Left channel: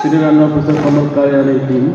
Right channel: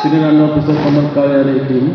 Shriram officer समर्थ कार्यालय team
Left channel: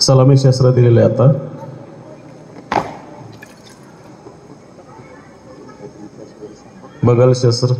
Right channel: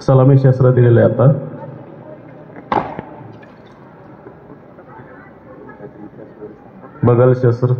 सलामी शस्त्र दिलेले आता बगल शस्त्र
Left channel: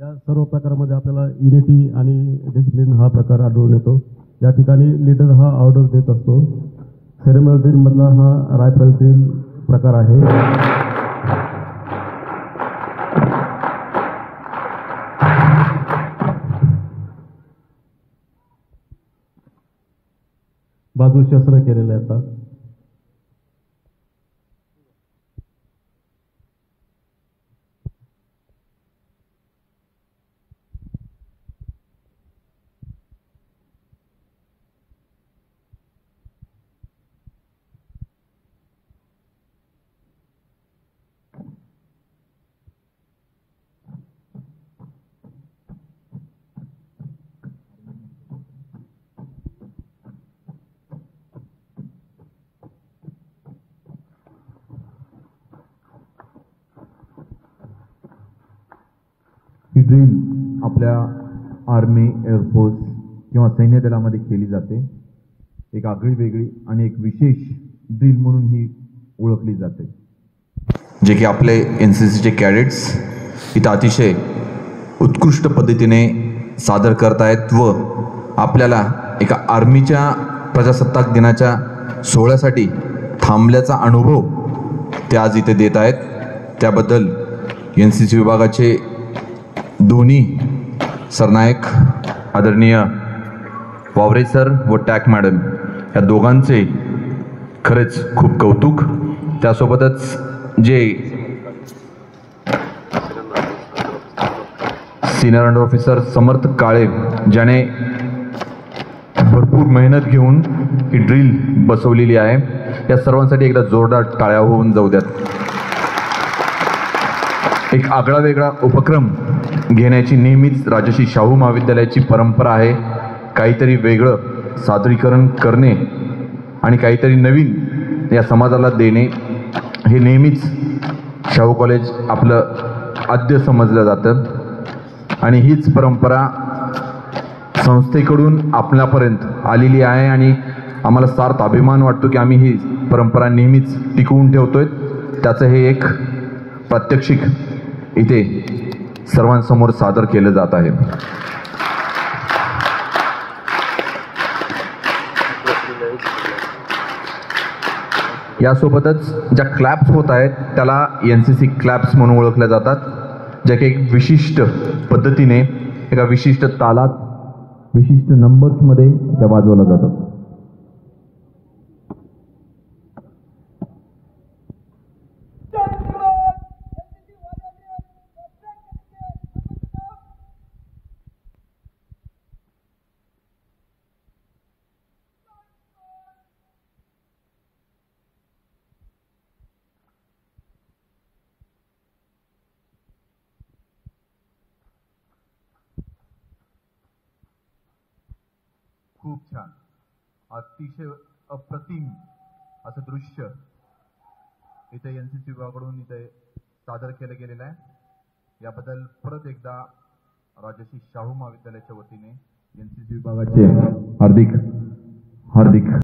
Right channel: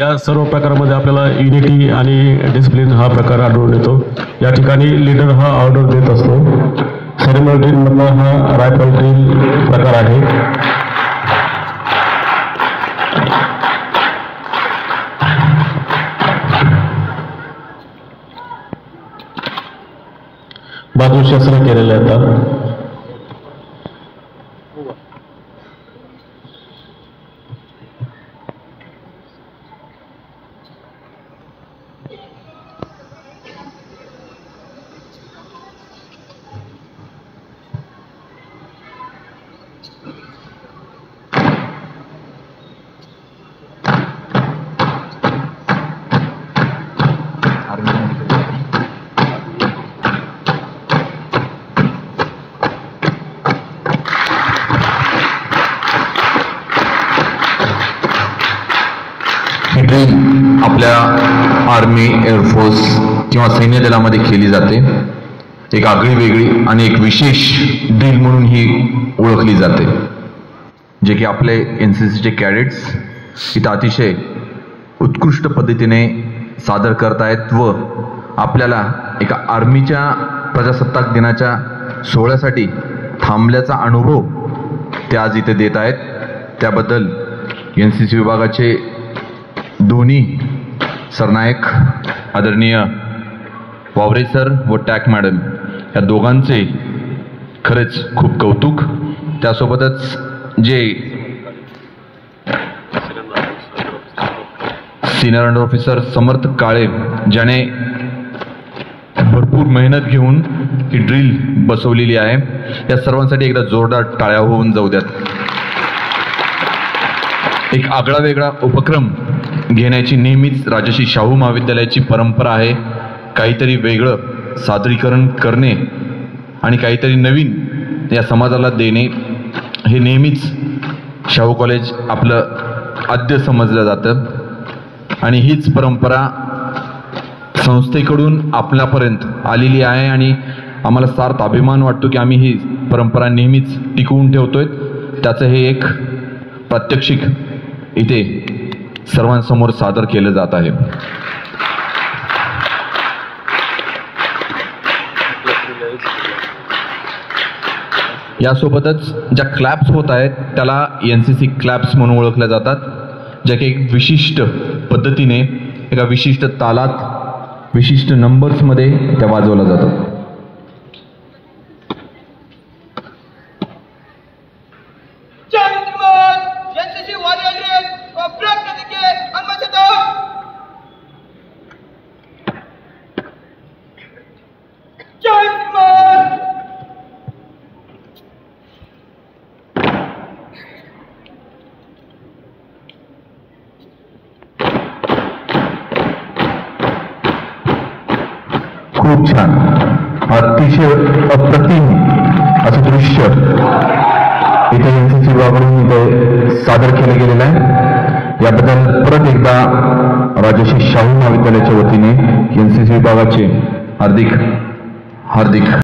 या सर्व प्रकारामध्ये आपल्याला युनिटी आणि डिसिप्लिन हा प्रकार आढळून येतो। या ठिकाणी लीडर हा ऑर्डर देत असतो। सेरेमनी ड्रिल मधला हा रायफल ड्रिल प्रकार आहे। बाजू शस्त्र केलेले आता ड्रिल आपल्या आर्मी एअरफोर्स किंवा सैन्य दलामध्ये केली जाते। एक आगळी वेगळी आणि एक विशेष ड्रिल म्हणून ही ओळखली जाते, जे की आपले NCCचे कॅडेट्स इथं अतिशय उत्कृष्ट पद्धतीने सादर करतायत व आपल्याला एका आर्मीच्या प्रजासत्ताक दिनाच्या सोहळ्यासाठी थांबल्याचा अनुभव ते आज इथे देत आहेत। त्याबद्दल NCC विभागाचे दोन्ही सरनायक आदरणीय वावरे सर व टॅक मॅडम या दोघांचे खरेच खूप कौतुक। त्यासोबतच जे सिनियर अंडर ऑफिसर समर्थ काळे, ज्याने भरपूर मेहनत घेऊन ही ड्रिल बसवलेली आहे. या सर्वांसाठी एकदा जोरदार टाळ्या होऊन जाऊ द्यात. एक आगळा वेगळा उपक्रम घेण्याची नेहमीच राजर्षी शाहू महाविद्यालयाची परंपरा आहे. काहीतरी वेगळं सादरीकरण करणे आणि काहीतरी नवीन या समाजाला देणे हे नेहमीच शाहू कॉलेज आपलं आद्य समजलं जातं. आणि हीच परंपरा संस्थेकडून आपल्यापर्यंत आलेली आहे आणि आम्हाला सार्थ अभिमान वाटतो की आम्ही ही परंपरा नेहमीच टिकवून ठेवतोय. त्याचं हे एक प्रात्यक्षिक इथे सर्वांसमोर सादर केलं जात आहे. यासोबतच ज्या क्लॅप्स होत आहेत त्याला NCC क्लॅप्स म्हणून ओळखल्या जातात, ज्या की एक विशिष्ट पद्धतीने एका विशिष्ट तालात विशिष्ट नंबर्समध्ये त्या वाजवल्या जातात. खूप छान, अतिशय अप्रतिम असं दृश्य इथे NCC विभागाकडून इथे सादर केलं गेलेलं आहे. याबद्दल परत एकदा राजर्षी शाहू महाविद्यालयाच्या वतीने NCC विभागाचे हार्दिक